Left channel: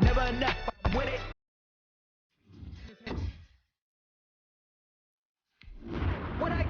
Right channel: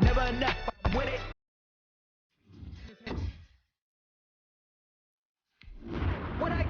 Never enough, I'm with it. What I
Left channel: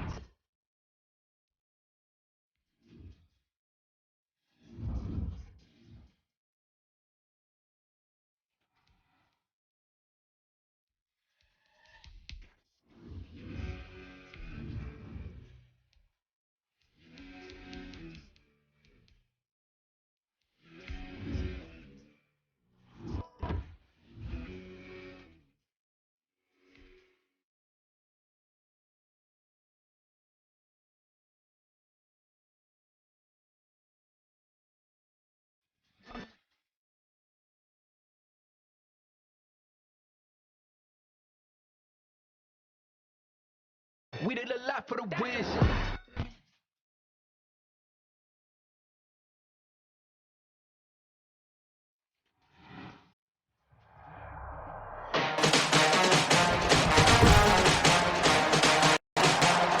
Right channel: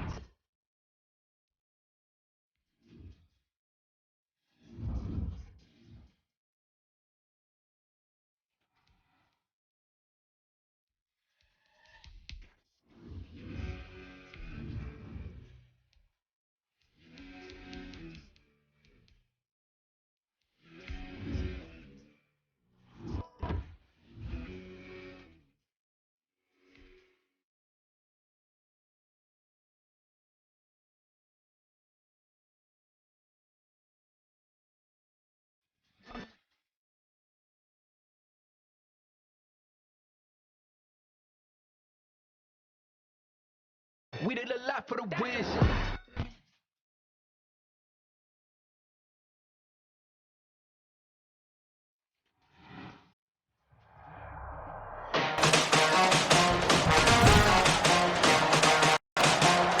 we did a lot for the wins.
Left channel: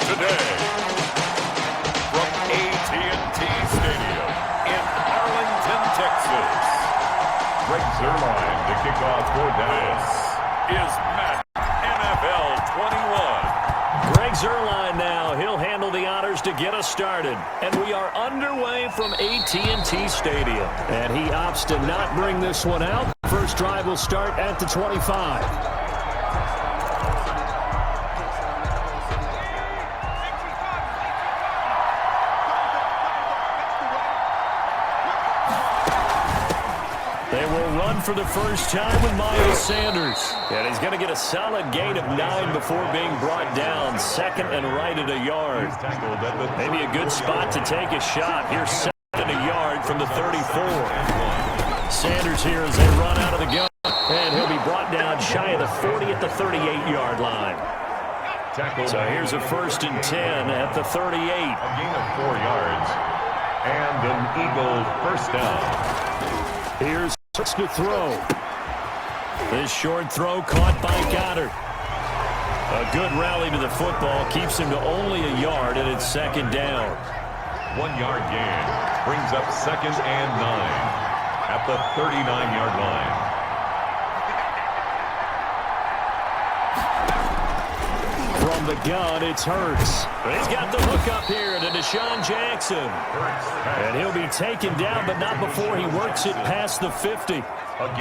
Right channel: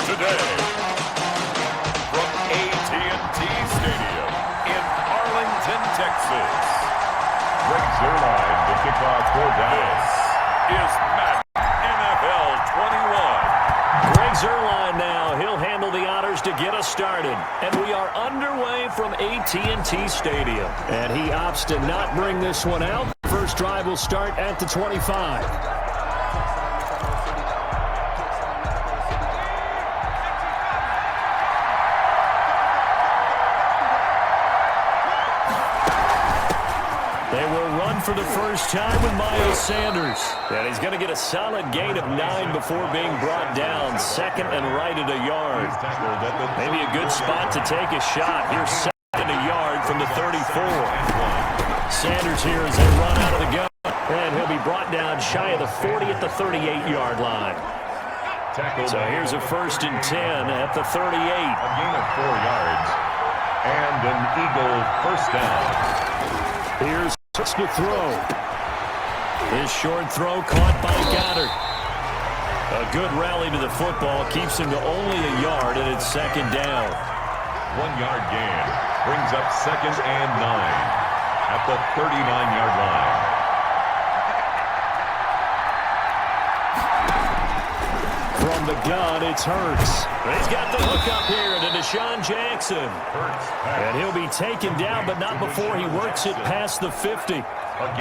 Today, from AT&T Stadium in Arlington, Texas, Greg Zuerlein to kick off for Dallas. This is Madden NFL 21. Greg Zuerlein now. He'll handle the honors to get us started. And we are underway from AT&T Stadium. And he opts to not bring this one out. First drive will start at the 25. They will run for the first time with Miles Sanders. And he's going to get a solid gain of 9 before being brought down. Second and right at a yard. Maybe a good spot to take a shot. Here's second and a yard from the 34. Sanders here as they run out of the gun. And he'll be brought down shy of the 40 at the 38-yard line. So here's a first and 10 at the 38. A gain of 4 yards. And an Eagle first down. Here's to throw. This short throw caught by Goddard. A good rally to the football keeps him to only a yard, and it's second down. 1 yard gain brings up second and 9 at the 39-yard line. From the gun, it's Hurts. He's got the hook up here to Deshaun Jackson. And he'll be taken down, but not before he works it past the 50.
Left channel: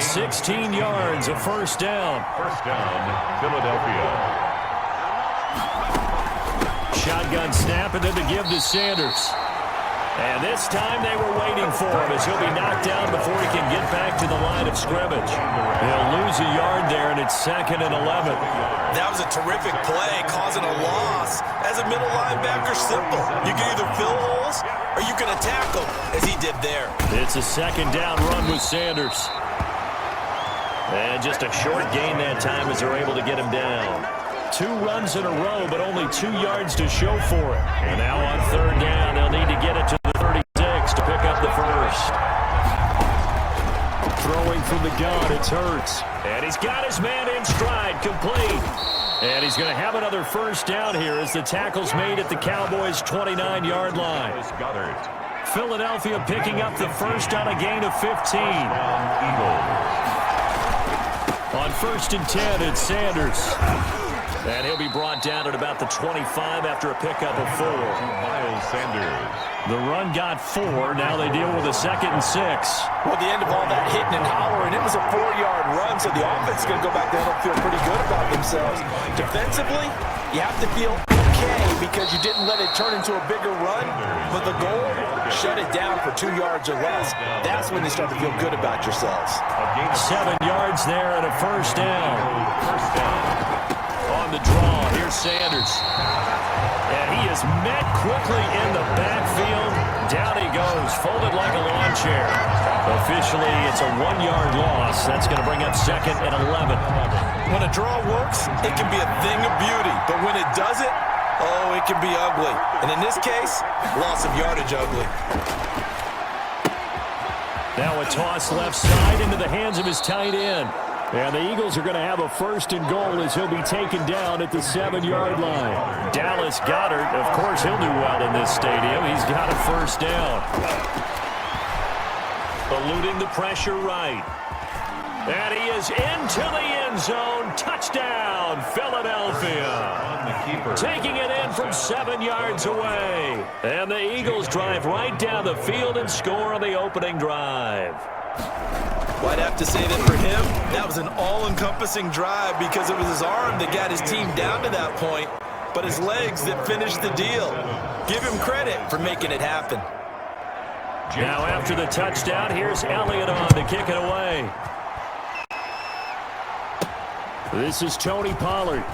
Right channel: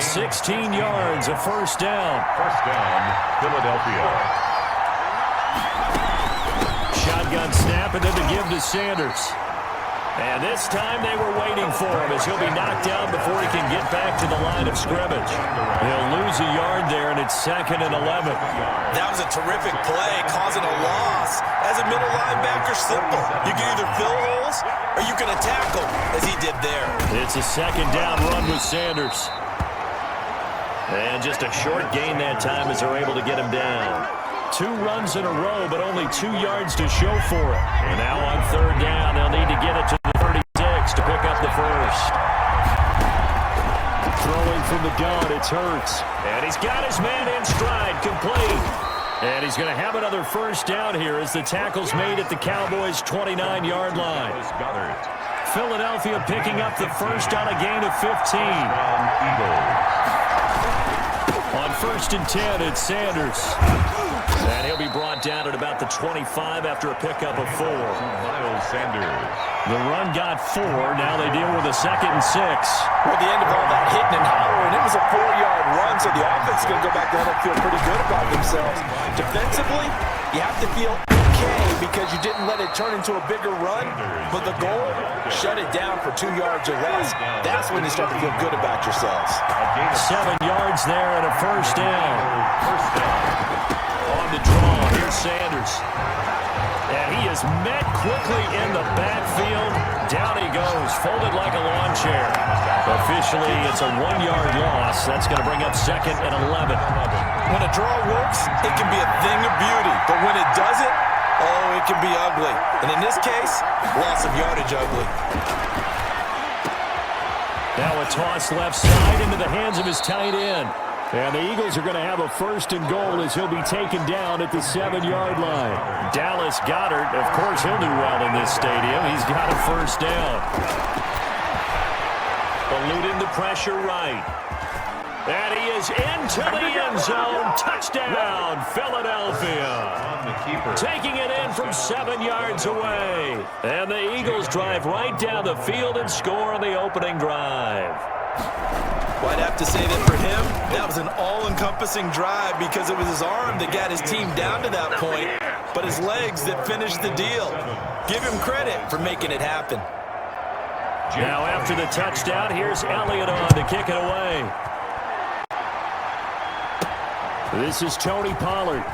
16 yards, a first down. First down, Philadelphia. Shotgun snap, and then the give to Sanders. And this time they were waiting for him as he'll be knocked down before he can get back to the line of scrimmage. He'll lose a yard there, and it's second and 11. That was a terrific play, causing a loss. As a middle linebacker, simple. You can either fill holes or you can attack them, as he did there. It's a second down run with Sanders. And just a short gain that time as they're able to get him down. 2 runs in a row, but only 2 yards to show for it. And now on third down, they'll need to get it to the 36 to pick up the first. Throwing from the gun, it's Hurts. And he's got his man in stride, complete. And he's going to have another first down here as the tackle's made at the Cowboys' 29-yard line. Philadelphia picking up the first on a gain of 15. On first and 10, it's Sanders. And he'll be brought down at about the 25 after a pickup of 4. Miles Sanders. The run got 4. Now they deal with a second and 6. Well, at the end of all that hitting and hollering, it was a 4-yard run, so the offense is going to go back down and feel pretty good about themselves. Defensively, you have to feel okay because you didn't let it turn into a bigger run, but the goal, shut it down for 2 yards or less. That's when you start to feel good about yourselves. 7 yards there and a first down. First down. On the draw, here's Sanders. And he is met quickly in the backfield. Down he goes, folded like a lawn chair. Officially, it's a 1-yard loss. That's going to bring up second and 11. When a draw works, it can be a thing of beauty. But when it doesn't, oh, it can be ugly. And in this case, loss of yardage ugly. Now a toss left side into the hands of his tight end. And the Eagles are going to have a first and goal as he'll be taken down at the 7-yard line. Dallas Goedert, of course, he'll do well in this stadium. He's got a first down. Eluding the pressure right. And he is into the end zone. Touchdown, Philadelphia. On the keeper. Taking it in from 7 yards away. And the Eagles drive right down the field and score on the opening drive. Well, I'd have to say that for him, that was an all-encompassing drive because it was his arm that got his team down to that point, but his legs that finished the deal. Give him credit for making it happen. Now after the touchdown, here's Elliott on to kick it away. This is Tony Pollard.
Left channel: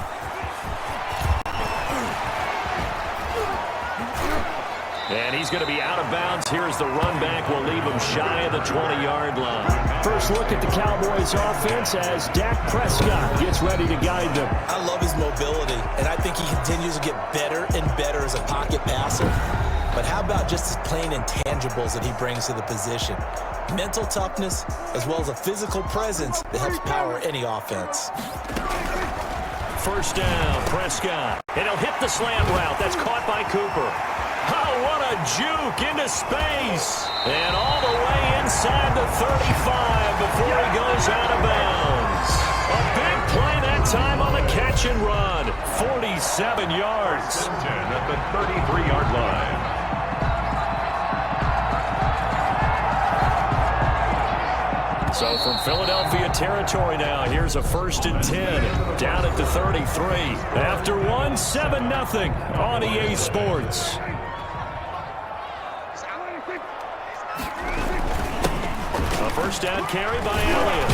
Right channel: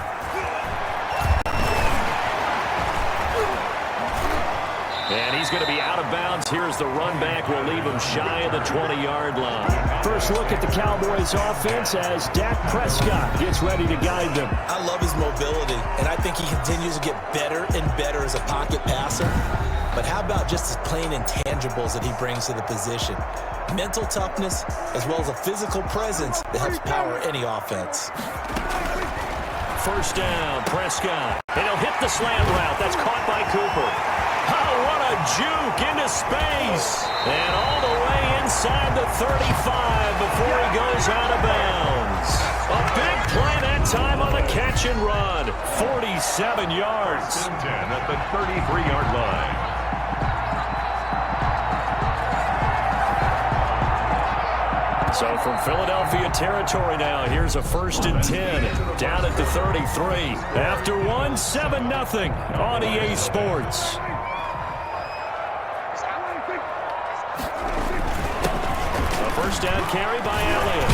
And he's going to be out of bounds. Here's the run back. Will leave him shy of the 20-yard line. First look at the Cowboys offense as Dak Prescott gets ready to guide them. I love his mobility, and I think he continues to get better and better as a pocket passer. But how about just his plain intangibles that he brings to the position? Mental toughness, as well as a physical presence that helps power any offense. First down, Prescott. And he'll hit the slant route. That's caught by Cooper. Oh, what a juke into space. And all the way inside the 35 before he goes out of bounds. A big play that time on the catch and run. 47 yards. 10 at the 33-yard line. So from Philadelphia territory now, here's a 1st and 10 down at the 33. After one, 7-0 on EA Sports. A first down carry by Elliott.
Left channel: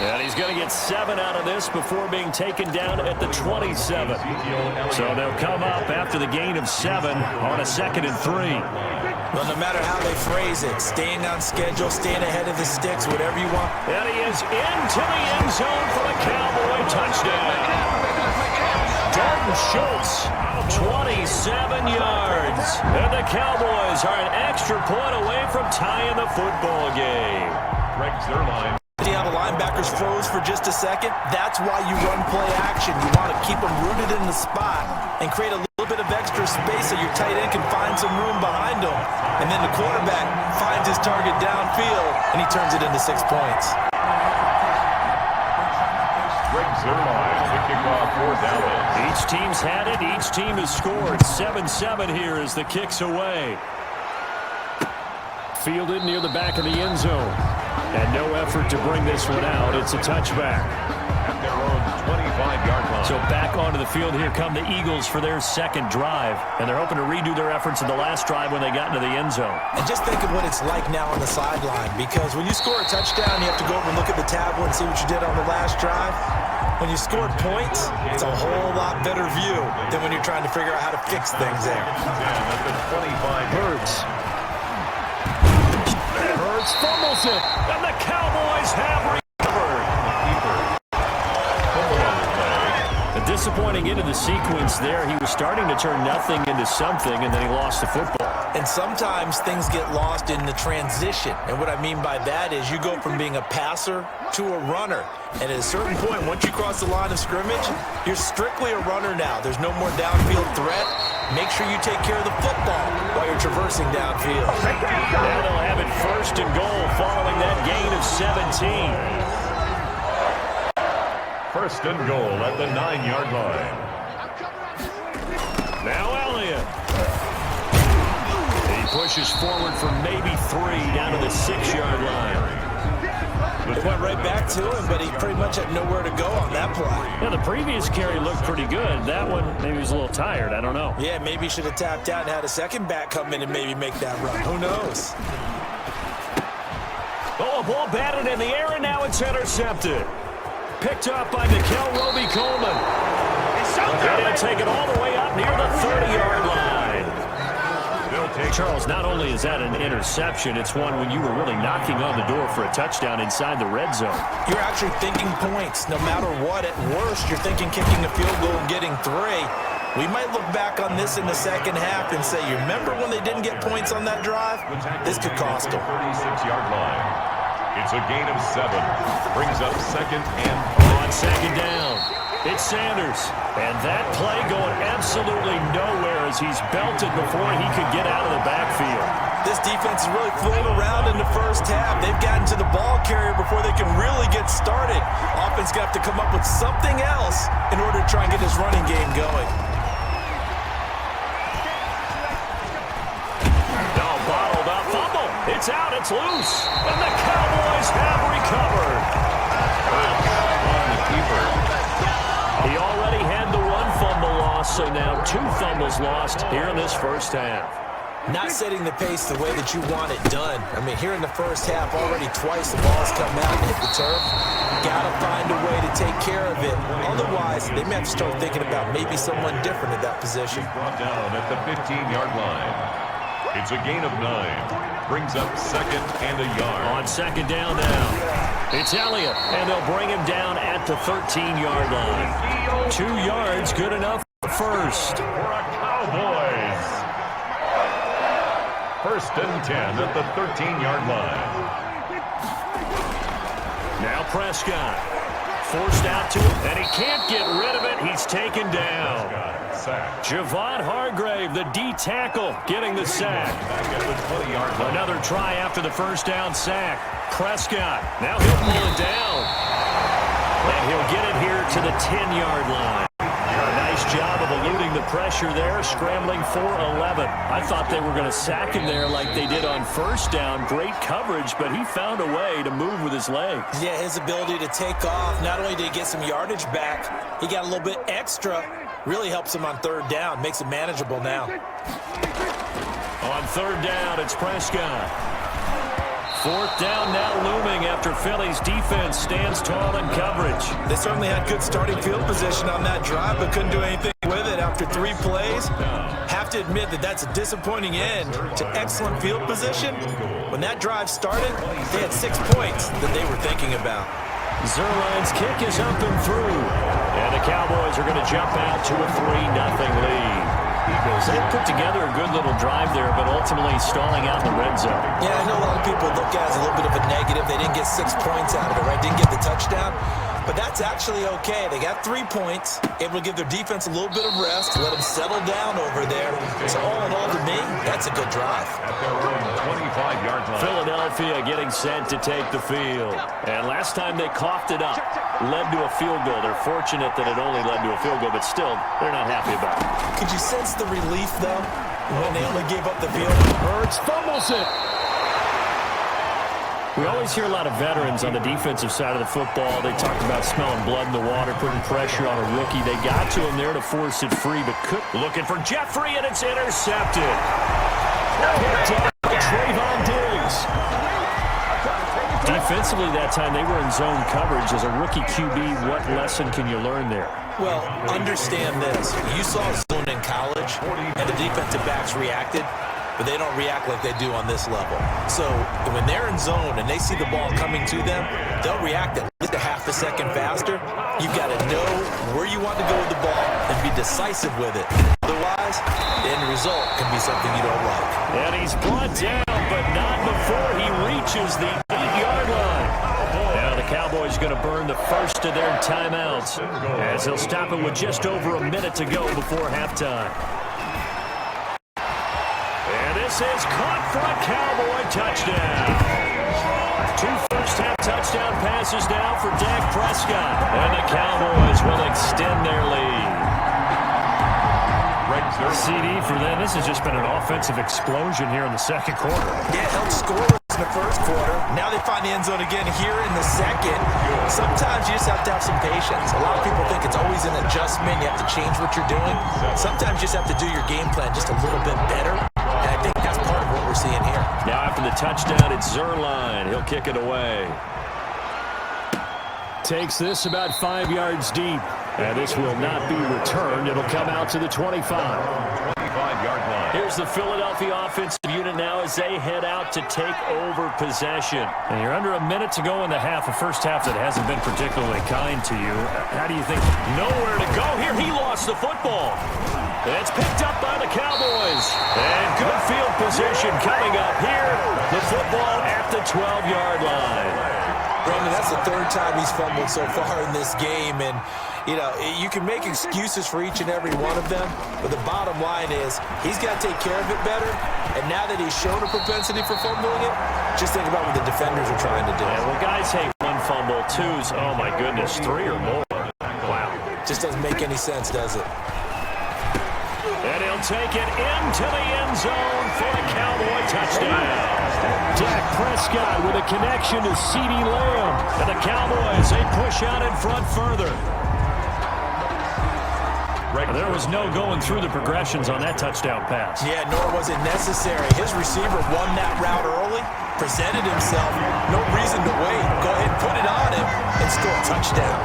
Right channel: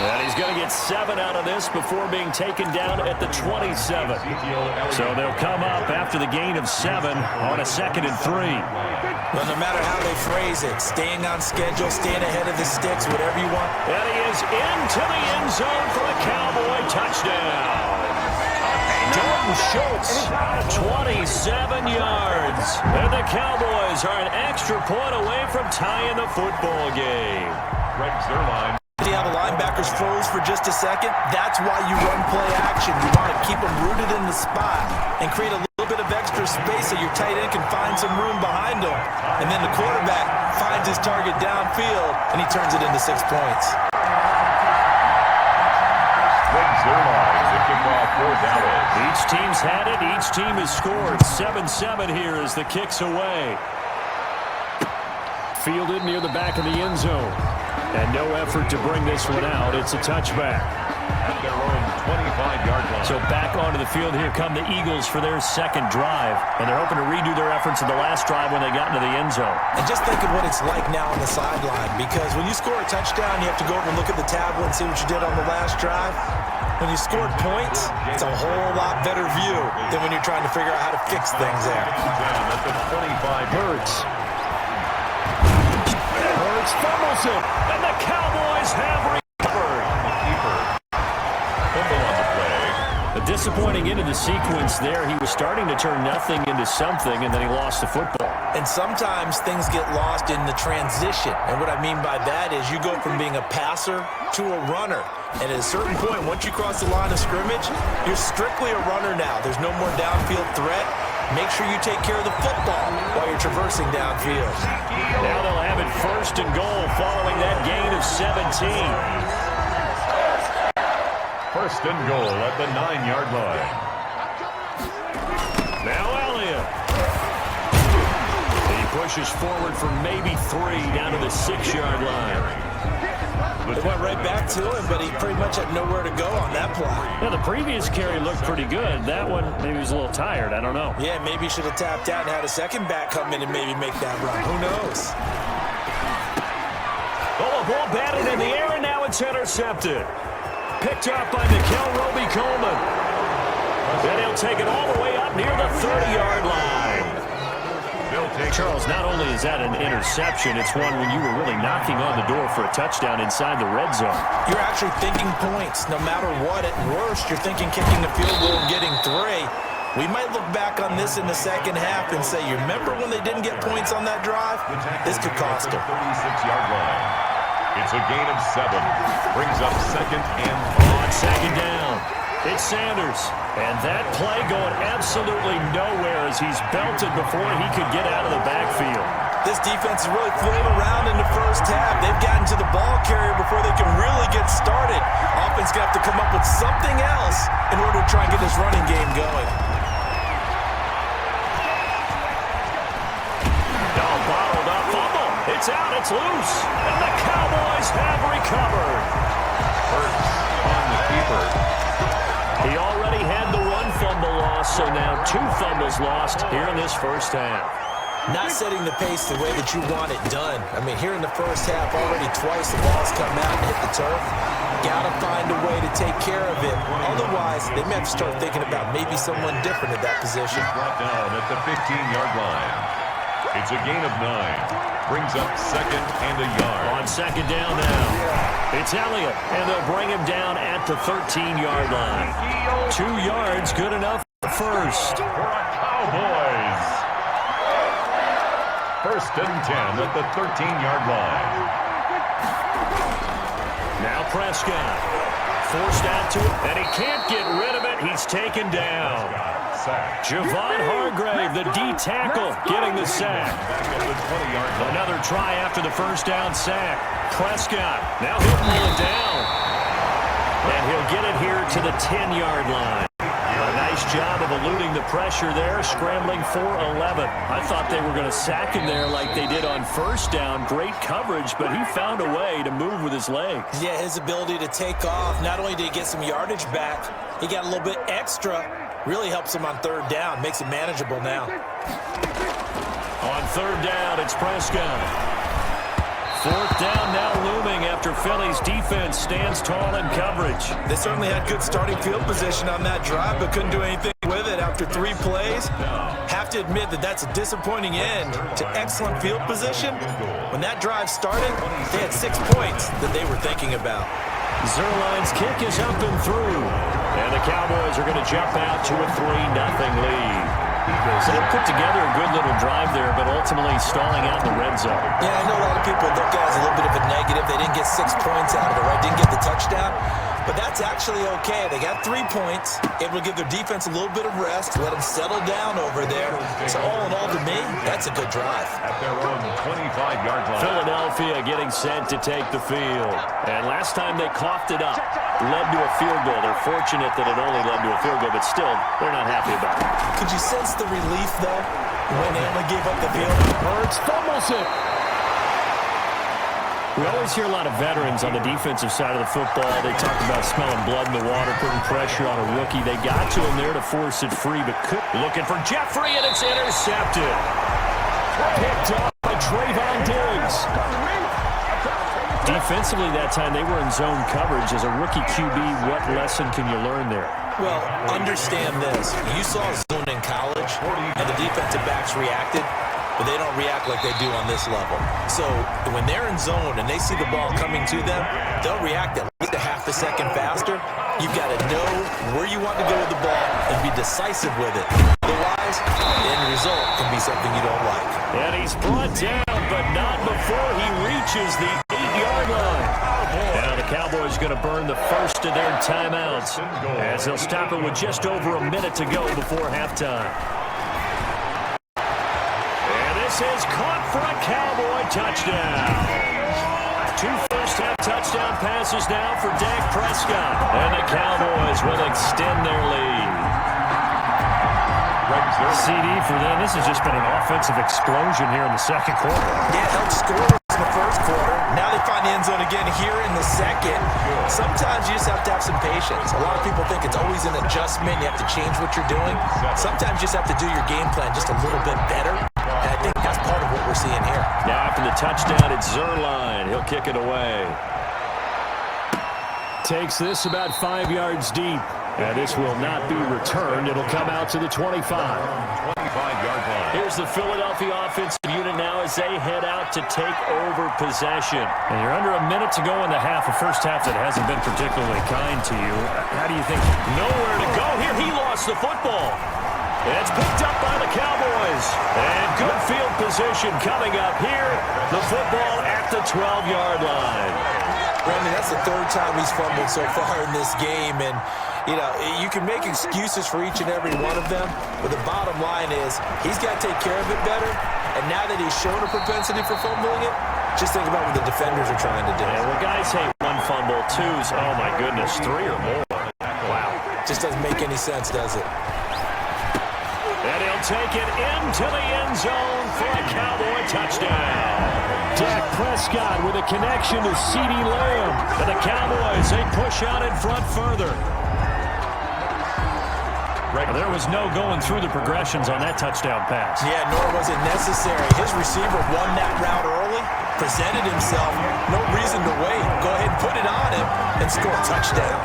And he's going to get 7 out of this before being taken down at the 27. So they'll come up after the gain of 7 on a 2nd and 3. Well, no matter how they phrase it, staying on schedule, staying ahead of the sticks, whatever you want. And he is into the end zone for a Cowboy touchdown. Dalton Schultz, 27 yards. And the Cowboys are an extra point away from tying the football game. Greg Zuerlein. See how the linebackers froze for just a second? That's why you run play action. You want to keep them rooted in the spot and create a little bit of extra space so your tight end can find some room behind him. And then the quarterback finds his target downfield, and he turns it into 6 points. Greg Zuerlein to kick off for Dallas. Each team's had it. Each team has scored. 7-7 here as the kick's away. Fielded near the back of the end zone. And no effort to bring this one out. It's a touchback. At their own 25-yard line. So back onto the field here come the Eagles for their 2nd drive. And they're hoping to redo their efforts in the last drive when they got into the end zone. And just think of what it's like now on the sideline. Because when you score a touchdown, you have to go over and look at the tablet and see what you did on the last drive. When you scored points, it's a whole lot better view than when you're trying to figure out how to fix things there. At the 25. Hurts fumbles it, and the Cowboys have recovered. On the keeper. Fumble on the play. A disappointing end of the sequence there. He was starting to turn nothing into something, and then he lost the football. And sometimes things get lost in the transition. And what I mean by that is you go from being a passer to a runner. And at a certain point, once you cross the line of scrimmage, you're strictly a runner now. There's no more downfield threat. Make sure you take care of the football while you're traversing downfield. Now they'll have it 1st and goal following that gain of 17. 1st and goal at the 9-yard line. Now Elliott. He pushes forward for maybe 3 down to the 6-yard line. It went right back to him, but he pretty much had nowhere to go on that play. Yeah, the previous carry looked pretty good. That one, maybe he was a little tired. I don't know. Yeah, maybe he should have tapped out and had a second back come in and maybe make that run. Who knows? Oh, a ball batted in the air, and now it's intercepted. Picked up by Nickel Roby-Coleman. And he'll take it all the way up near the 30-yard line. Charles, not only is that an interception, it's one when you were really knocking on the door for a touchdown inside the red zone. You're actually thinking points. No matter what, at worst, you're thinking kicking a field goal and getting 3. We might look back on this in the second half and say, you remember when they didn't get points on that drive? This could cost them. 36-yard line. It's a gain of 7. Brings up 2nd and 5. On 2nd down, it's Sanders. And that play going absolutely nowhere as he's belted before he could get out of the backfield. This defense is really floating around in the 1st first half. They've gotten to the ball carrier before they can really get started. Offense going to have to come up with something else in order to try and get this running game going. Bottled up fumble. It's out. It's loose. And the Cowboys have recovered. Hurts on the keeper. He already had the one fumble loss, so now 2 fumbles lost here in this first half. Not setting the pace the way that you want it done. I mean, here in the first half, already twice the ball's come out and hit the turf. Got to find a way to take care of it. Otherwise, they may have to start thinking about maybe someone different at that position. Brought down at the 15-yard line. It's a gain of 9. Brings up 2nd and a yard. On 2nd down now. It's Elliott, and they'll bring him down at the 13-yard line. 2 yards, good enough first. For a Cowboys. 1st and 10 at the 13-yard line. Now Prescott. Forced out to him, and he can't get rid of it. He's taken down. Javon Hargrave, the D tackle, getting the sack. Another try after the first down sack. Prescott, now he'll pull it down. And he'll get it here to the 10-yard line. A nice job of eluding the pressure there, scrambling for 11. I thought they were going to sack him there like they did on first down. Great coverage, but he found a way to move with his legs. Yeah, his ability to take off, not only did he get some yardage back, he got a little bit extra. Really helps him on 3rd down, makes it manageable now. On 3rd down, it's Prescott. 4th down now looming after Philly's defense stands tall in coverage. They certainly had good starting field position on that drive, but couldn't do anything with it after 3 plays. Have to admit that that's a disappointing end to excellent field position. When that drive started, they had 6 points that they were thinking about. Zerline's kick is up and through. And the Cowboys are going to jump out to a 3-0 lead. They put together a good little drive there, but ultimately stalling out in the red zone. Yeah, I know a lot of people look at it as a little bit of a negative. They didn't get 6 points out of it, right? Didn't get the touchdown. But that's actually okay. They got 3 points, able to give their defense a little bit of rest, let them settle down over there. So all in all, to me, that's a good drive. At their own 25-yard line. Philadelphia getting set to take the field. And last time they coughed it up, led to a field goal. They're fortunate that it only led to a field goal, but still, they're not happy about it. Could you sense the relief, though, when they only gave up the field? Hurts fumbles it. We always hear a lot of veterans on the defensive side of the football. They talk about smelling blood in the water, putting pressure on a rookie. They got to him there to force it free, but looking for Jeffrey, and it's intercepted. Picked up by Trayvon Diggs. Defensively that time, they were in zone coverage. As a rookie QB, what lesson can you learn there? Well, understand this. You saw zone in college, and the defensive backs reacted, but they don't react like they do on this level. So when they're in zone and they see the ball coming to them, they'll react at least a half a second faster. You've got to know where you want to go with the ball and be decisive with it. Otherwise, the end result can be something you don't like. And he's brought down, but not before he reaches the 8-yard line. Now the Cowboys are going to burn the first of their timeouts as they'll stop it with just over a minute to go before halftime. And this is caught for a Cowboy touchdown. 2 first-half touchdown passes now for Dak Prescott. And the Cowboys will extend their lead. CD for them. This has just been an offensive explosion here in the second quarter. Yeah, held scoreless in the first quarter. Now they find the end zone again here in the second. Sometimes you just have to have some patience. A lot of people think it's always an adjustment. You have to change what you're doing. Sometimes you just have to do your game plan just a little bit better. And I think that's part of what we're seeing here. Now after the touchdown, it's Zerline. He'll kick it away. Takes this about 5 yards deep. And this will not be returned. It'll come out to the 25. 25-yard line. Here's the Philadelphia offensive unit now as they head out to take over possession. And you're under a minute to go in the half, a first half that hasn't been particularly kind to you. How do you think? Nowhere to go here. He lost the football. It's picked up by the Cowboys. And good field position coming up here. The football at the 12-yard line. Brandon, that's the 3rd time he's fumbled so far in this game. And, you know, you can make excuses for each and every one of them, but the bottom line is he's got to take care of it better. And now that he's shown a propensity for fumbling it, Just think about what the defenders are trying to do. Yeah, well, guys hate one fumble, twos, oh my goodness, 3 or more. Wow. Just doesn't make any sense, does it? And he'll take it into the end zone for a Cowboy touchdown. Dak Prescott with a connection to CeeDee Lamb. And the Cowboys, they push out in front further. There was no going through the progressions on that touchdown pass. Yeah, nor was it necessary. His receiver won that route early, presented himself, no reason to wait. Go ahead and put it on him and score a touchdown.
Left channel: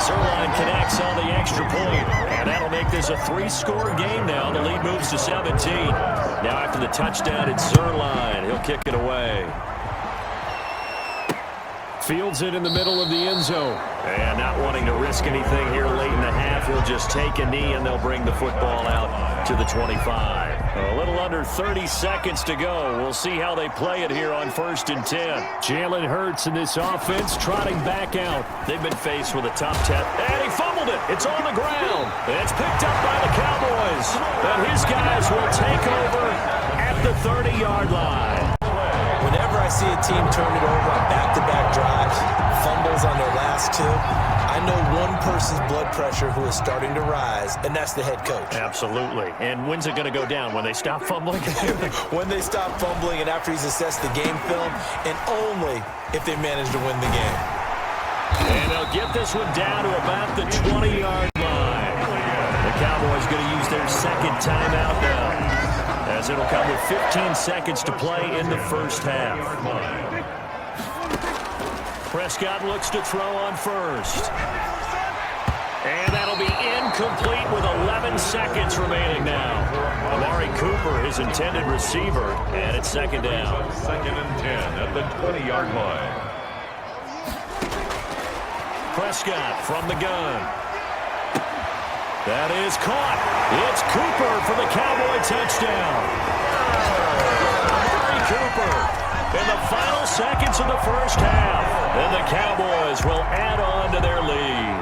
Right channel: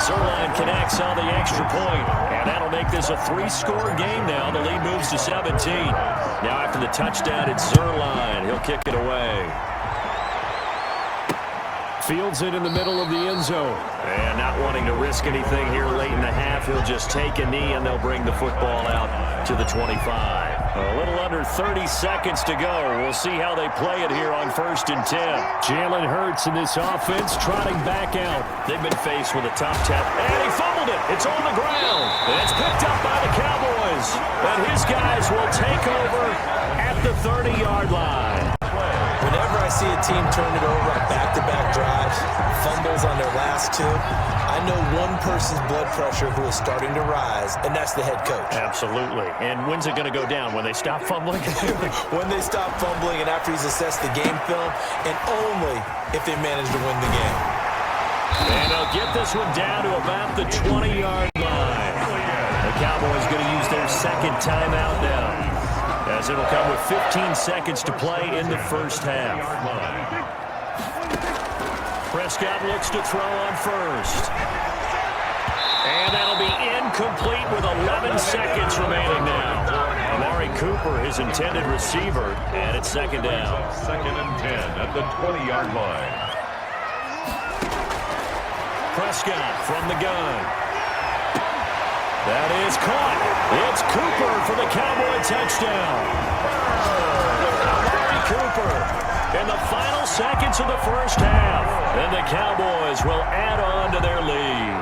Zerline connects on the extra point, and that'll make this a 3-score game now. The lead moves to 17. Now after the touchdown, it's Zerline. He'll kick it away. Fields it in the middle of the end zone. And not wanting to risk anything here late in the half, he'll just take a knee, and they'll bring the football out to the 25. A little under 30 seconds to go. We'll see how they play it here on 1st and 10. Jalen Hurts in this offense trotting back out. They've been faced with a tough test. And he fumbled it. It's on the ground. It's picked up by the Cowboys. And his guys will take over at the 30-yard line. Whenever I see a team turn it over on back-to-back drives, fumbles on their last 2, I know one person's blood pressure who is starting to rise, and that's the head coach. Absolutely. And when's it going to go down? When they stop fumbling? When they stop fumbling and after he's assessed the game film, and only if they manage to win the game. And they'll get this one down to about the 20-yard line. The Cowboys going to use their second timeout now, as it'll come with 15 seconds to play in the first half. Prescott looks to throw on first. And that'll be incomplete with 11 seconds remaining now. Amari Cooper, his intended receiver, and it's second down. 2nd and 10 at the 20-yard line. Prescott from the gun. That is caught. It's Cooper for the Cowboy touchdown. Amari Cooper in the final seconds of the first half. And the Cowboys will add on to their lead.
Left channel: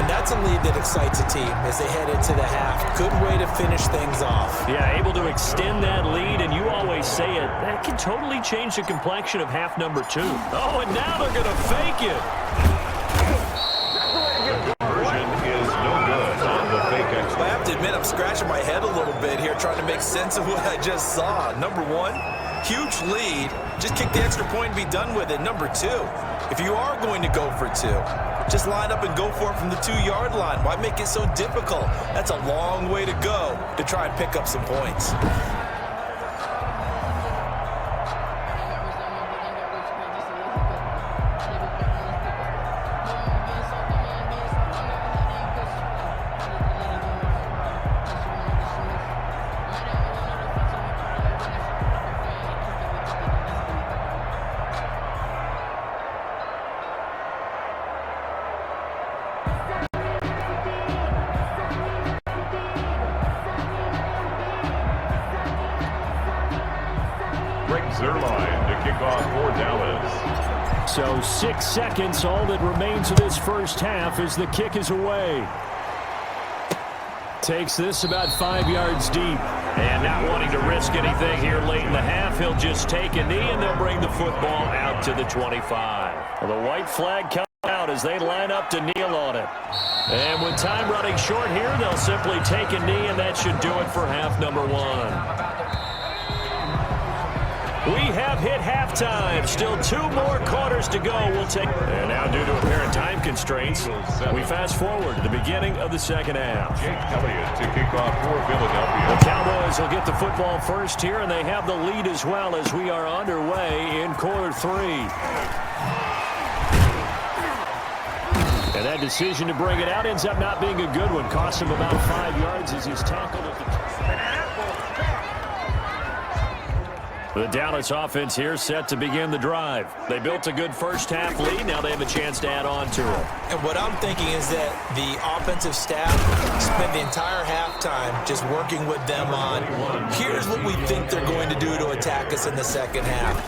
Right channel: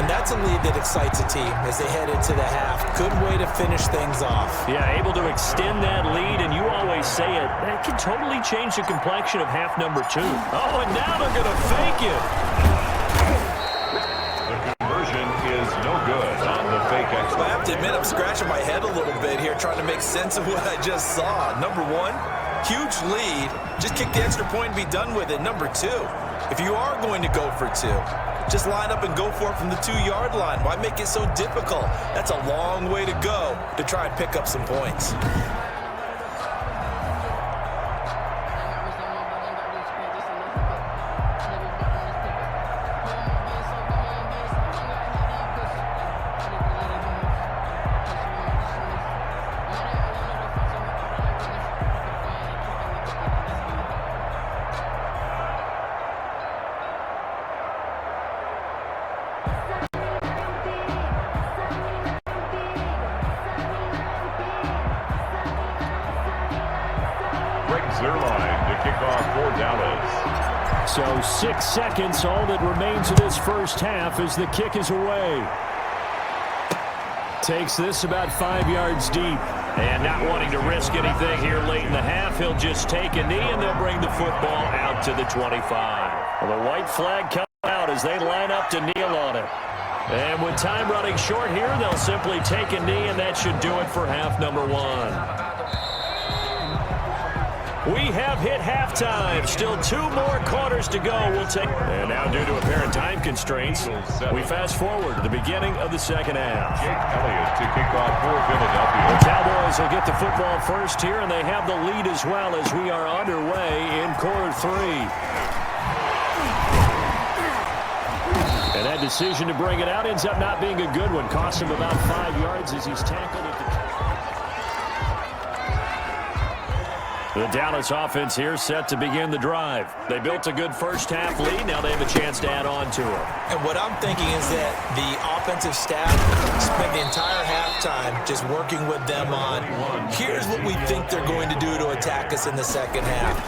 And that's a lead that excites a team as they head into the half. Good way to finish things off. Yeah, able to extend that lead, and you always say it, that can totally change the complexion of half number 2. Oh, and now they're going to fake it. Is no good on the fake extra. I have to admit, I'm scratching my head a little bit here trying to make sense of what I just saw. Number 1, huge lead. Just kick the extra point and be done with it. Number 2, if you are going to go for 2, just line up and go for it from the 2-yard line. Why make it so difficult? That's a long way to go to try and pick up some points. Zerline to kick off for Dallas. So 6 seconds, all that remains of this first half as the kick is away. Takes this about 5 yards deep. And not wanting to risk anything here late in the half, he'll just take a knee and they'll bring the football out to the 25. Well, the white flag comes out as they line up to kneel on it. And with time running short here, they'll simply take a knee, and that should do it for half number 1. We have hit halftime. Still 2 more quarters to go. And now, due to apparent time constraints, we fast forward to the beginning of the second half. Jake Elliott to kick off for Philadelphia. The Cowboys will get the football first here, and they have the lead as well as we are underway in quarter 3. And that decision to bring it out ends up not being a good one. Costs him about 5 yards as he's tackled at the... The Dallas offense here set to begin the drive. They built a good first-half lead. Now they have a chance to add on to it. And what I'm thinking is that the offensive staff spent the entire halftime just working with them on, here's what we think they're going to do to attack us in the second half.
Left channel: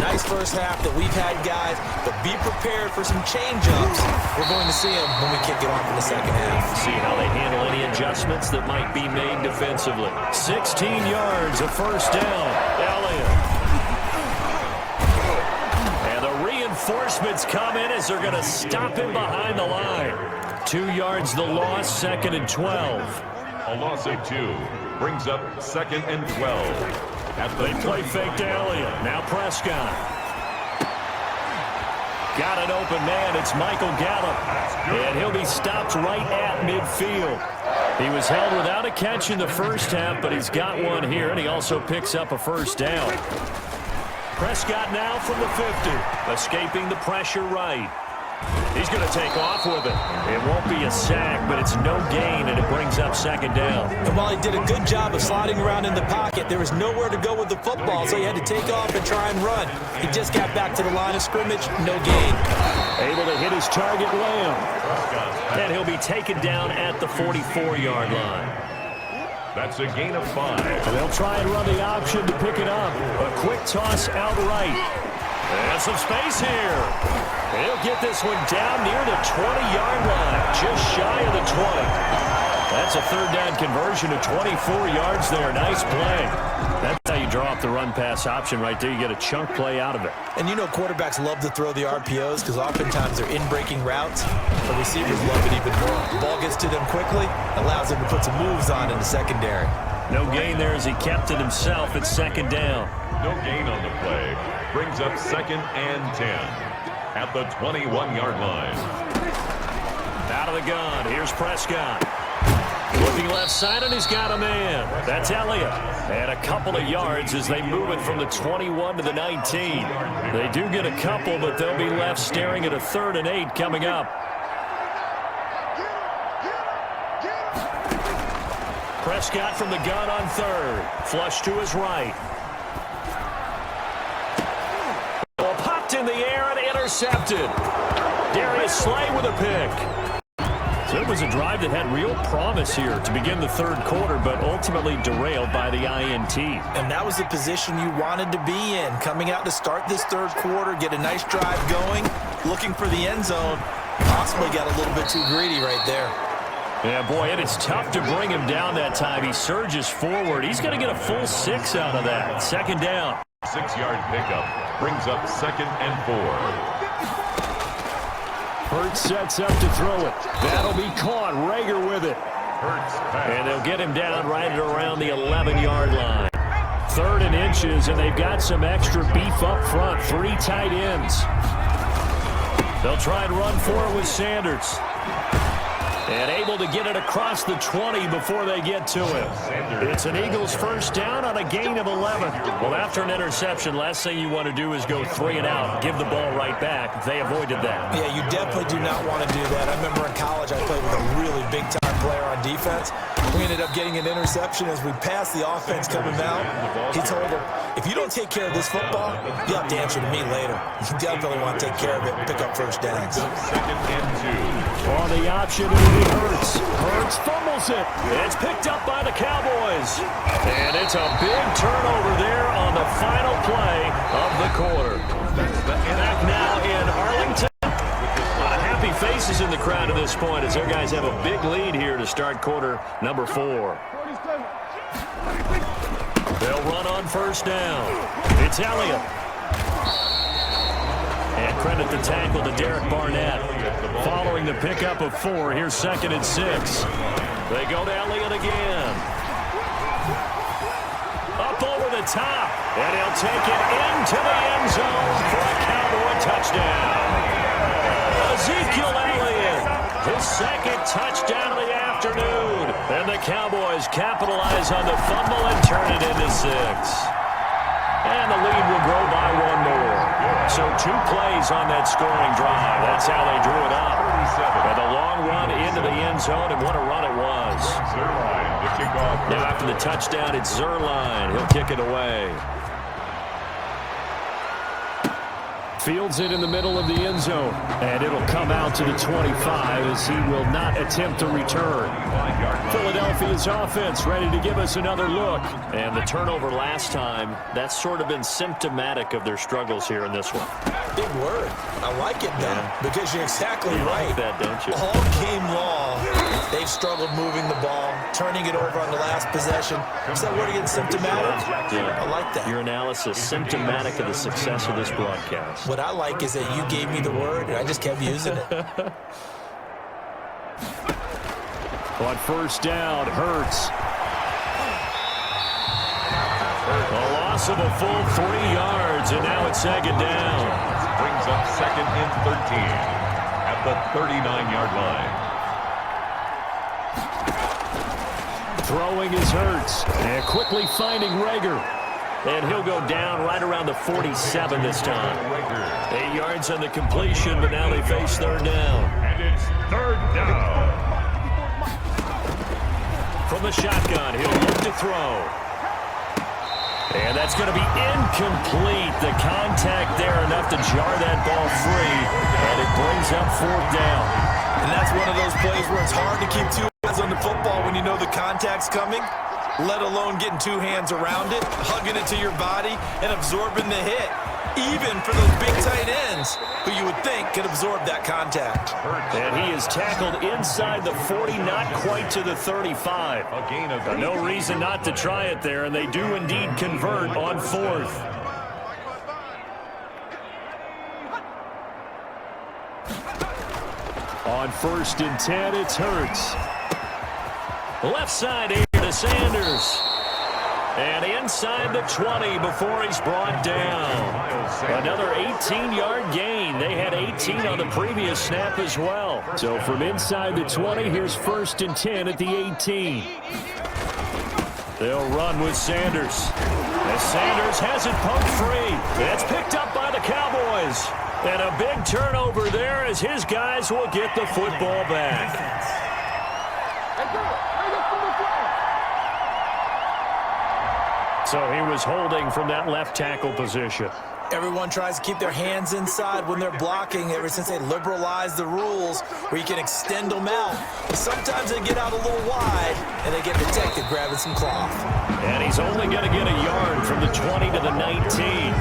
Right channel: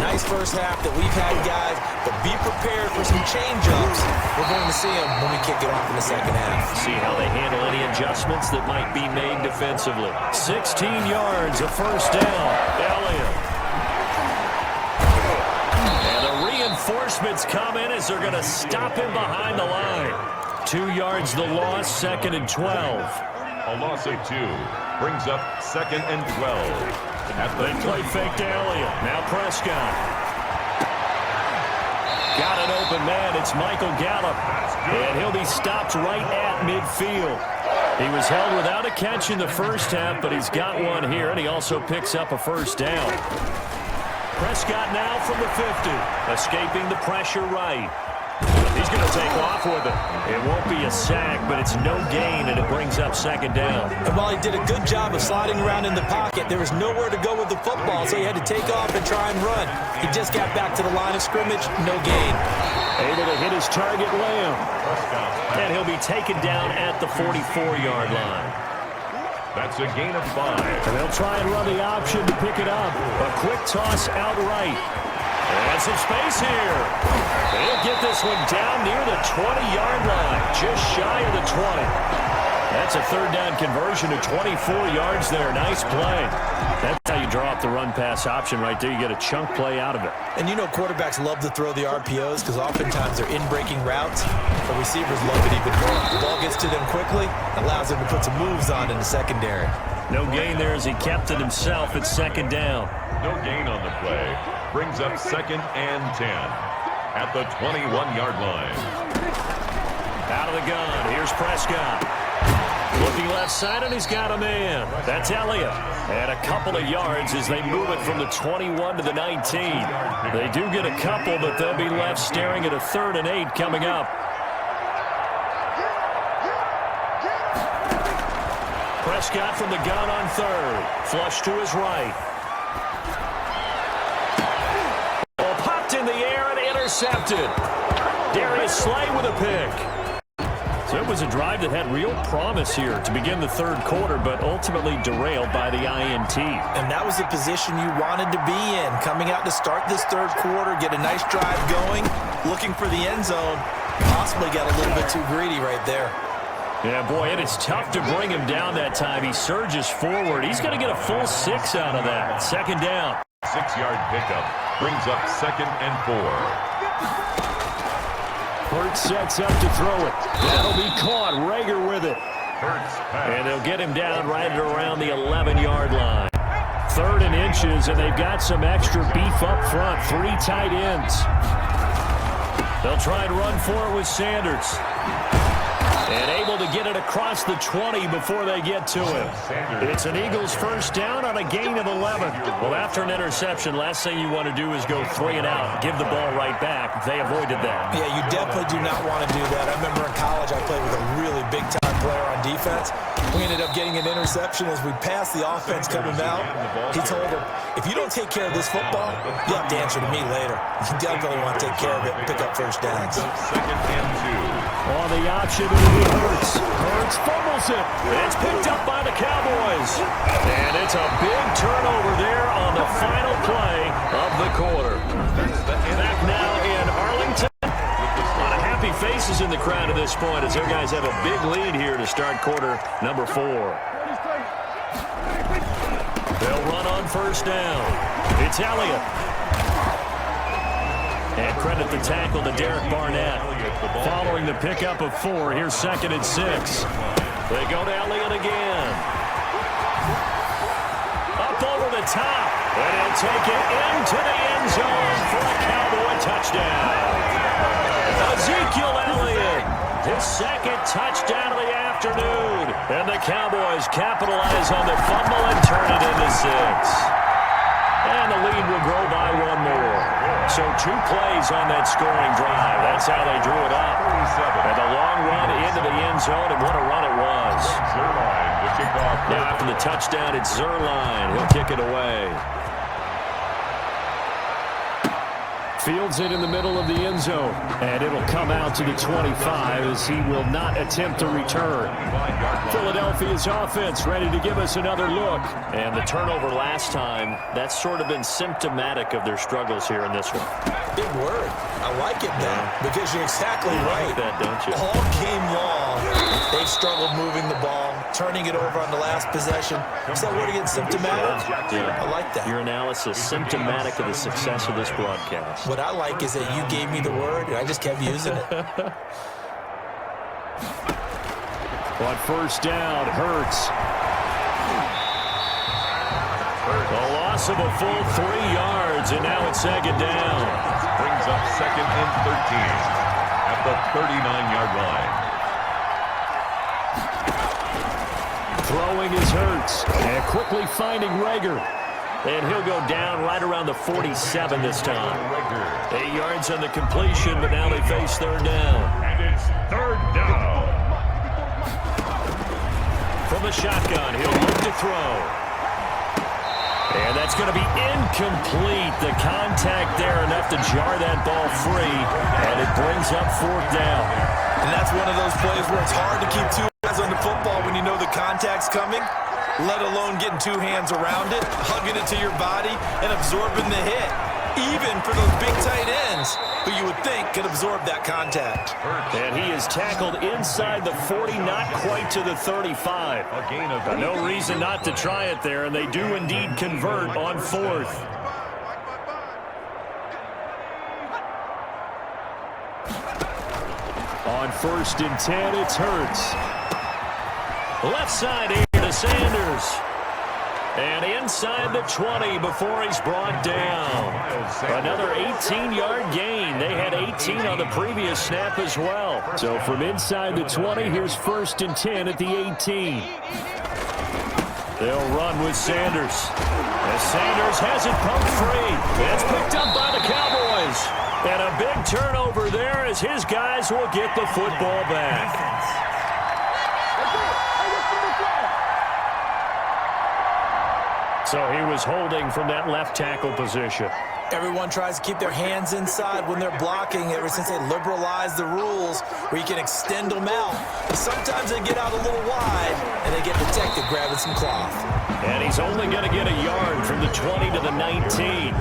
Nice first half that we've had, guys, but be prepared for some change-ups. We're going to see them when we kick it off in the second half. See how they handle any adjustments that might be made defensively. 16 yards, a first down. Elliott. reinforcements come in as they're going to stop him behind the line. 2 yards the loss, 2nd and 12. A loss of 2 brings up 2nd and 12. They play fake to Elliott. Now Prescott. Got an open man. It's Michael Gallup. And he'll be stopped right at midfield. He was held without a catch in the first half, but he's got one here, and he also picks up a first down. Prescott now from the 50, escaping the pressure right. He's going to take off with it. It won't be a sack, but it's no gain, and it brings up 2nd down. And while he did a good job of sliding around in the pocket, there was nowhere to go with the football, so he had to take off and try and run. He just got back to the line of scrimmage, no gain. Able to hit his target, Lamb. And he'll be taken down at the 44-yard line. That's a gain of 5. And they'll try and run the option to pick it up. A quick toss outright. And some space here. He'll get this one down near the 20-yard line, just shy of the 20. That's a 3rd down conversion to 24 yards there. Nice play. That's how you draw up the run-pass option right there. You get a chunk play out of it. And you know quarterbacks love to throw the RPOs because oftentimes they're in-breaking routes. The receivers love it even more. The ball gets to them quickly, allows them to put some moves on in the secondary. No gain there as he kept it himself at 2nd down. No gain on the play. Brings up 2nd and 10 at the 21-yard line. Out of the gun. Here's Prescott. Looking left side, and he's got a man. That's Elliott. And a couple of yards as they move it from the 21 to the 19. They do get a couple, but they'll be left staring at a 3rd and 8 coming up. Prescott from the gun on 3rd. Flush to his right. Ball popped in the air and intercepted. Darius Slay with a pick. So it was a drive that had real promise here to begin the 3rd quarter, but ultimately derailed by the INT. And that was the position you wanted to be in, coming out to start this 3rd quarter, get a nice drive going, looking for the end zone. Possibly got a little bit too greedy right there. Yeah, boy, and it's tough to bring him down that time. He surges forward. He's going to get a full 6 out of that. 2nd down. 6-yard pickup brings up 2nd and 4. Hurts sets up to throw it. That'll be caught. Rager with it. And they'll get him down right at around the 11-yard line. 3rd and inches, and they've got some extra beef up front. 3 tight ends. They'll try and run for it with Sanders. And able to get it across the 20 before they get to him. It's an Eagles first down on a gain of 11. Well, after an interception, last thing you want to do is go 3 and out, give the ball right back. They avoided that. Yeah, you definitely do not want to do that. I remember in college I played with a really big-time player on defense. We ended up getting an interception as we passed the offense coming out. He told him, if you don't take care of this football, you'll have to answer to me later. You definitely want to take care of it and pick up first downs. 2nd and 2. On the option, it'll be Hurts. Hurts fumbles it. It's picked up by the Cowboys. And it's a big turnover there on the final play of the quarter. Back now in Arlington. A lot of happy faces in the crowd at this point as their guys have a big lead here to start quarter number 4. They'll run on first down. It's Elliott. And credit the tackle to Derek Barnett. Following the pickup of 4, here's 2nd and 6. They go to Elliott again. Up over the top. And he'll take it into the end zone for a Cowboy touchdown. Ezekiel Elliott, his 2nd touchdown of the afternoon. And the Cowboys capitalize on the fumble and turn it into 6. And the lead will grow by 1 more. So 2 plays on that scoring drive. That's how they drew it up. And the long run into the end zone, and what a run it was. Zerline to kick off. Now after the touchdown, it's Zerline. He'll kick it away. Fields it in the middle of the end zone. And it'll come out to the 25 as he will not attempt to return. Philadelphia's offense ready to give us another look. And the turnover last time, that's sort of been symptomatic of their struggles here in this one. Big word. I like it, though, because you're exactly right. You like that, don't you? All game long, they've struggled moving the ball, turning it over on the last possession. Is that word again, symptomatic? Yeah. I like that. Your analysis, symptomatic of the success of this broadcast. What I like is that you gave me the word, and I just kept using it. On first down, Hurts. A loss of a full 3 yards, and now it's second down. Brings up second and 13 at the 39-yard line. Throwing is Hurts, and quickly finding Rager. And he'll go down right around the 47 this time. 8 yards on the completion, but now they face third down. And it's third down. From the shotgun, he'll look to throw. And that's going to be incomplete. The contact there enough to jar that ball free, and it brings up fourth down. And that's one of those plays where it's hard to keep 2 eyes on the football when you know the contact's coming, let alone getting 2 hands around it, hugging it to your body, and absorbing the hit. Even for those big tight ends who you would think could absorb that contact. And he is tackled inside the 40, not quite to the 35. A gain of No reason not to try it there, and they do indeed convert on fourth. On first and 10, it's Hurts. Left side here to Sanders. And inside the 20 before he's brought down. Another 18-yard gain. They had 18 on the previous snap as well. So from inside the 20, here's first and 10 at the 18. They'll run with Sanders. As Sanders has it pumped free. It's picked up by the Cowboys. And a big turnover there as his guys will get the football back. So he was holding from that left tackle position. Everyone tries to keep their hands inside when they're blocking ever since they liberalized the rules where you can extend them out. Sometimes they get out a little wide, and they get detected grabbing some cloth. And he's only going to get a yard from the 20 to the 19.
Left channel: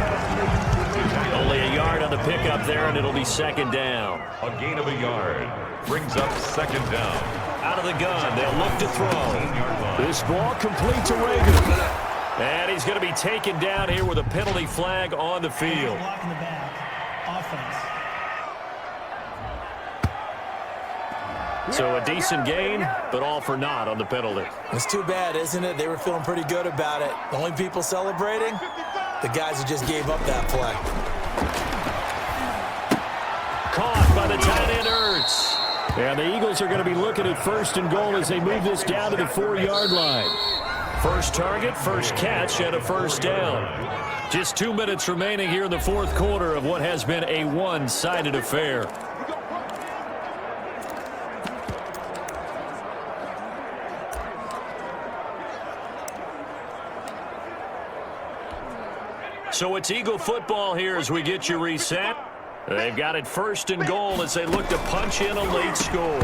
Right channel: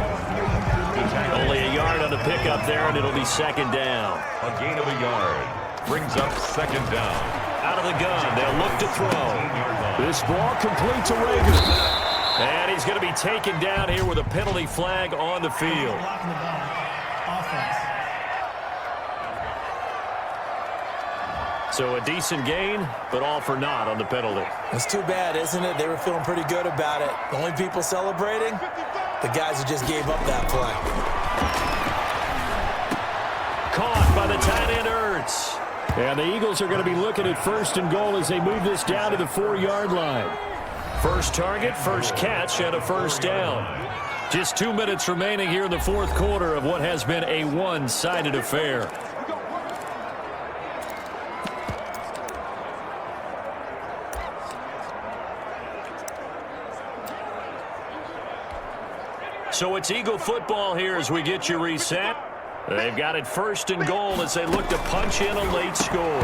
Only a yard on the pickup there, and it'll be second down. A gain of a yard. Brings up second down. Out of the gun, they'll look to throw. This ball complete to Rager. And he's going to be taken down here with a penalty flag on the field. Blocking the back. Offense. So a decent gain, but all for naught on the penalty. It's too bad, isn't it? They were feeling pretty good about it. The only people celebrating, the guys who just gave up that play. Caught by the tight end, Hurts. And the Eagles are going to be looking at first and goal as they move this down to the 4-yard line. First target, first catch, and a first down. Just 2 minutes remaining here in the fourth quarter of what has been a one-sided affair. So it's Eagle football here as we get you reset. They've got it first and goal as they look to punch in a late score.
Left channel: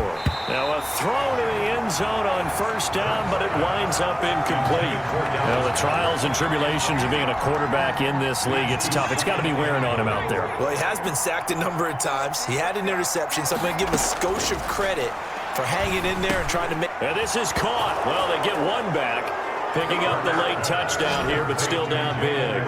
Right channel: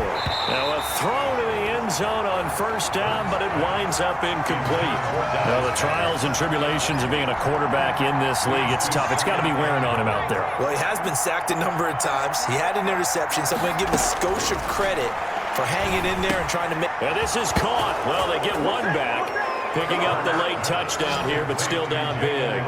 Now a throw to the end zone on first down, but it winds up incomplete. Now the trials and tribulations of being a quarterback in this league, it's tough. It's got to be wearing on him out there. Well, he has been sacked a number of times. He had an interception, so I'm going to give him a skosh of credit for hanging in there and trying to make... And this is caught. Well, they get one back, picking up the late touchdown here, but still down big.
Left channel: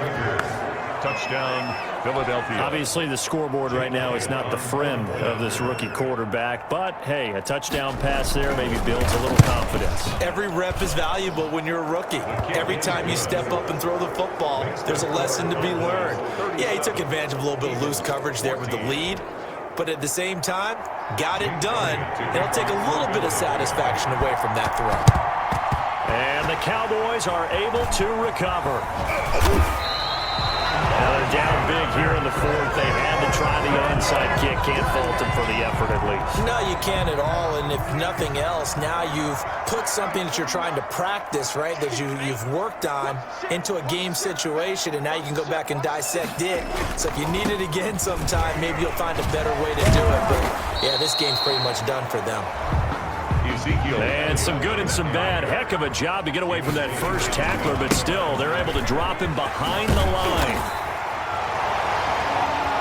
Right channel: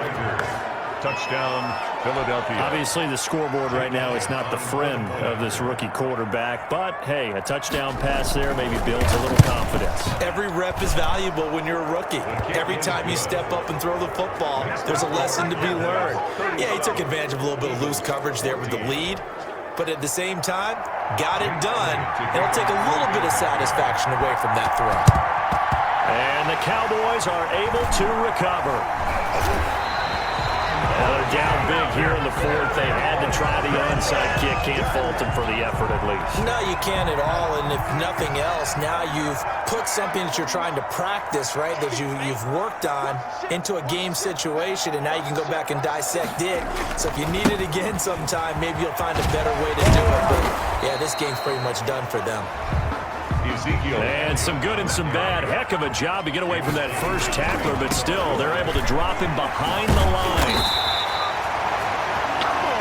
Touchdown, Philadelphia. Obviously, the scoreboard right now is not the friend of this rookie quarterback, but, hey, a touchdown pass there maybe builds a little confidence. Every rep is valuable when you're a rookie. Every time you step up and throw the football, there's a lesson to be learned. Yeah, he took advantage of a little bit of loose coverage there with the lead, but at the same time, got it done. It'll take a little bit of satisfaction away from that throw. And the Cowboys are able to recover. Now they're down big here in the fourth. They had to try the onside kick. Can't fault them for the effort at least. No, you can't at all. And if nothing else, now you've put something that you're trying to practice, right, that you've worked on into a game situation, and now you can go back and dissect it. So if you need it again sometime, maybe you'll find a better way to do it. But, yeah, this game's pretty much done for them. And some good and some bad. Heck of a job to get away from that first tackler, but still, they're able to drop him behind the line.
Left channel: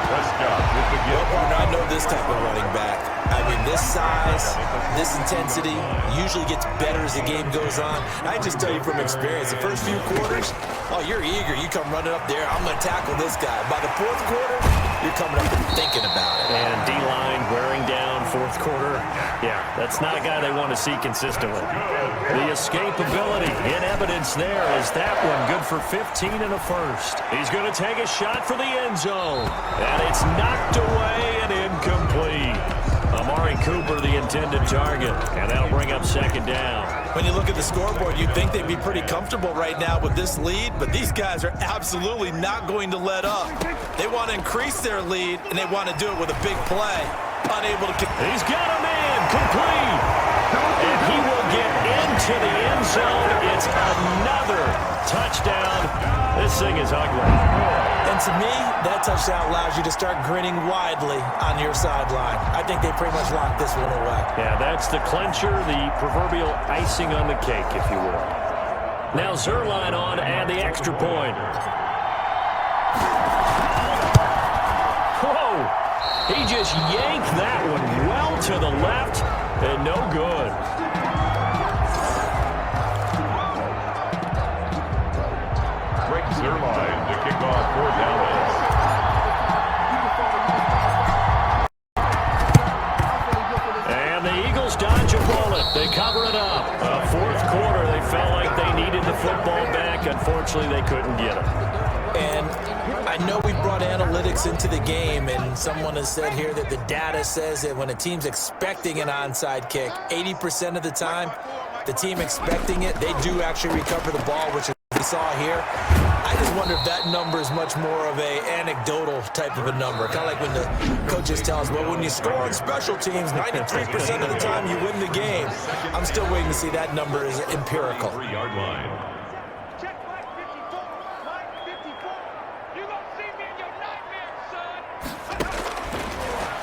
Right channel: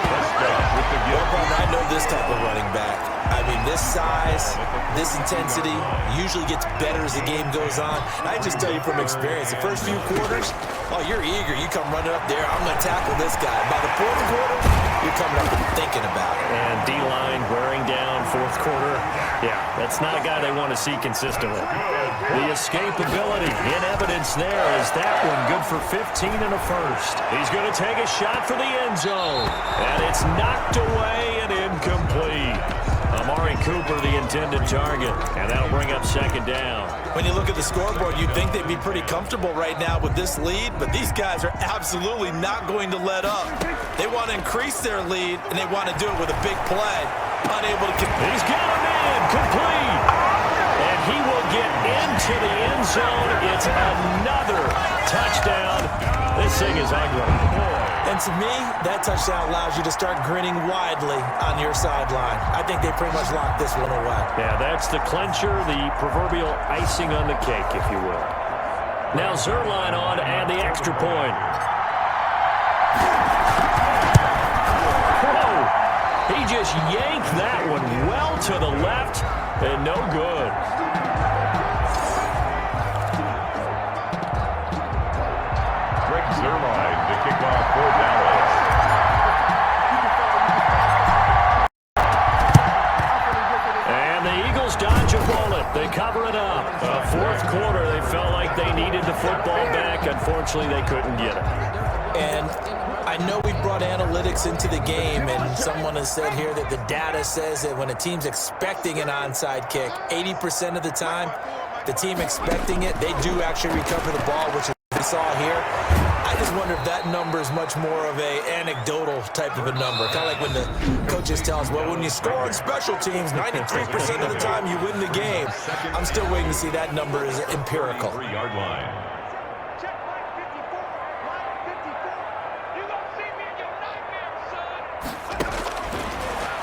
Prescott with the gift. Well, partner, I know this type of running back. I mean, this size, this intensity usually gets better as the game goes on. I just tell you from experience, the first few quarters, oh, you're eager. You come running up there, I'm going to tackle this guy. By the fourth quarter, you're coming up and thinking about it. And D-line wearing down fourth quarter. Yeah, that's not a guy they want to see consistently. The escapability in evidence there is that one good for 15 and a first. He's going to take a shot for the end zone. And it's knocked away and incomplete. Amari Cooper, the intended target. And that'll bring up second down. When you look at the scoreboard, you'd think they'd be pretty comfortable right now with this lead, but these guys are absolutely not going to let up. They want to increase their lead, and they want to do it with a big play. Unable to... He's got a man, complete. And he will get into the end zone. It's another touchdown. This thing is ugly. And to me, that touchdown allows you to start grinning widely on your sideline. I think they pretty much locked this one away. Yeah, that's the clincher, the proverbial icing on the cake, if you will. Now Zerline on to add the extra point. Whoa! He just yanked that one well to the left and no good. Zerline to kick off for Dallas. And the Eagles dodge a bullet. They cover it up. Fourth quarter, they felt like they needed the football back. Unfortunately, they couldn't get it. And I know we brought analytics into the game, and someone has said here that the data says that when a team's expecting an onside kick, 80% of the time, the team expecting it, they do actually recover the ball, which we saw here. I just wonder if that number is much more of a anecdotal type of a number. Kind of like when the coaches tell us, well, when you score on special teams, 93% of the time you win the game. I'm still waiting to see that number is empirical. 3-yard line. Check line 54. Line 54. You gonna see me in your nightmares, son.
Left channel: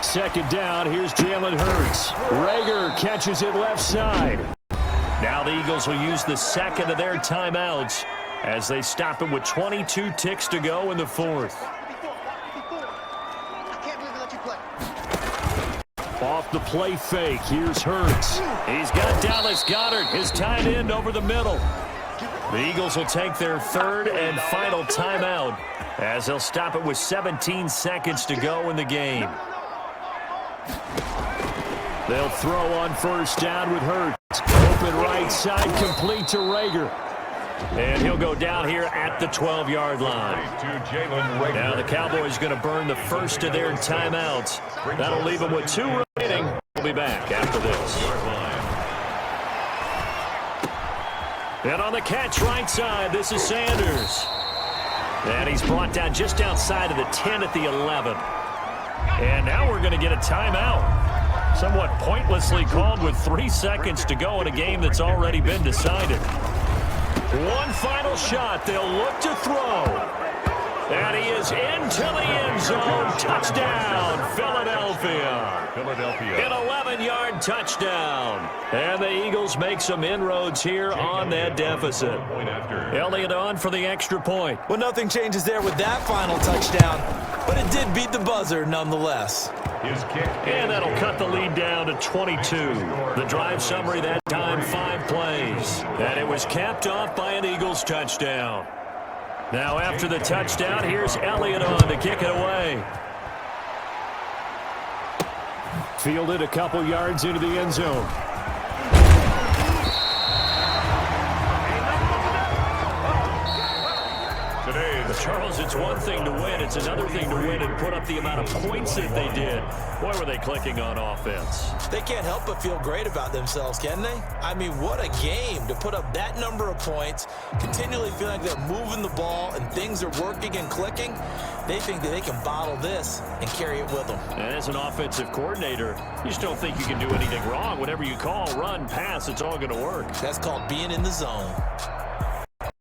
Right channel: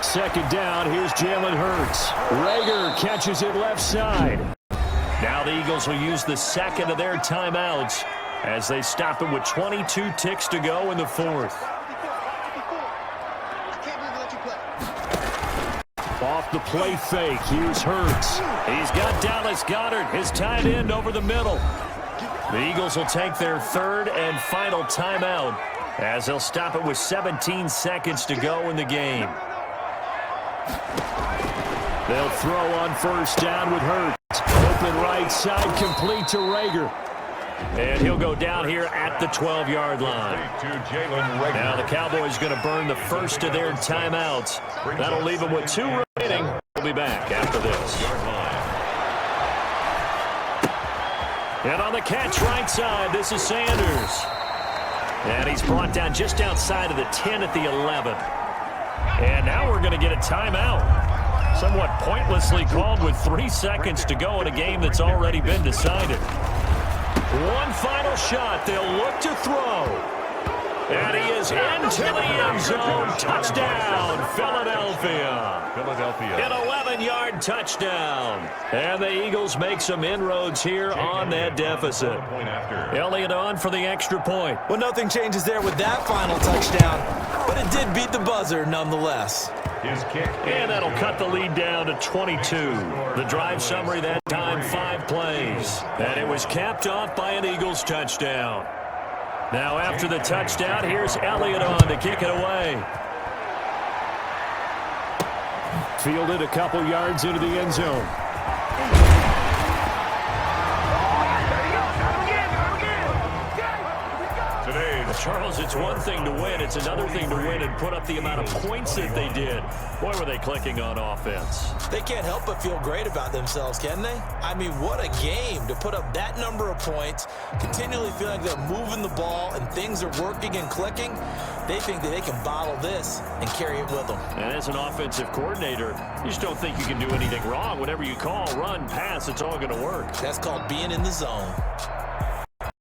Second down, here's Jalen Hurts. Rager catches it left side. Now the Eagles will use the second of their timeouts as they stop it with 22 ticks to go in the fourth. I can't believe they let you play. Off the play fake, here's Hurts. He's got Dallas Goedert, his tight end, over the middle. The Eagles will take their third and final timeout as they'll stop it with 17 seconds to go in the game. They'll throw on first down with Hurts. Open right side, complete to Rager. And he'll go down here at the 12-yard line. Now the Cowboys going to burn the first of their timeouts. That'll leave them with 2 remaining. We'll be back after this. And on the catch right side, this is Sanders. And he's brought down just outside of the 10 at the 11. And now we're going to get a timeout. Somewhat pointlessly called with 3 seconds to go in a game that's already been decided. One final shot. They'll look to throw. And he is into the end zone. Touchdown, Philadelphia. An 11-yard touchdown. And the Eagles make some inroads here on that deficit. Elliott on for the extra point. Well, nothing changes there with that final touchdown, but it did beat the buzzer nonetheless. And that'll cut the lead down to 22. The drive summary that time, 5 plays. And it was capped off by an Eagles touchdown. Now after the touchdown, here's Elliott on to kick it away. Fielded a couple yards into the end zone. Charles, it's one thing to win. It's another thing to win and put up the amount of points that they did. Boy, were they clicking on offense. They can't help but feel great about themselves, can they? I mean, what a game to put up that number of points, continually feeling like they're moving the ball and things are working and clicking. They think that they can bottle this and carry it with them. And as an offensive coordinator, you just don't think you can do anything wrong. Whatever you call, run, pass, it's all going to work. That's called being in the zone.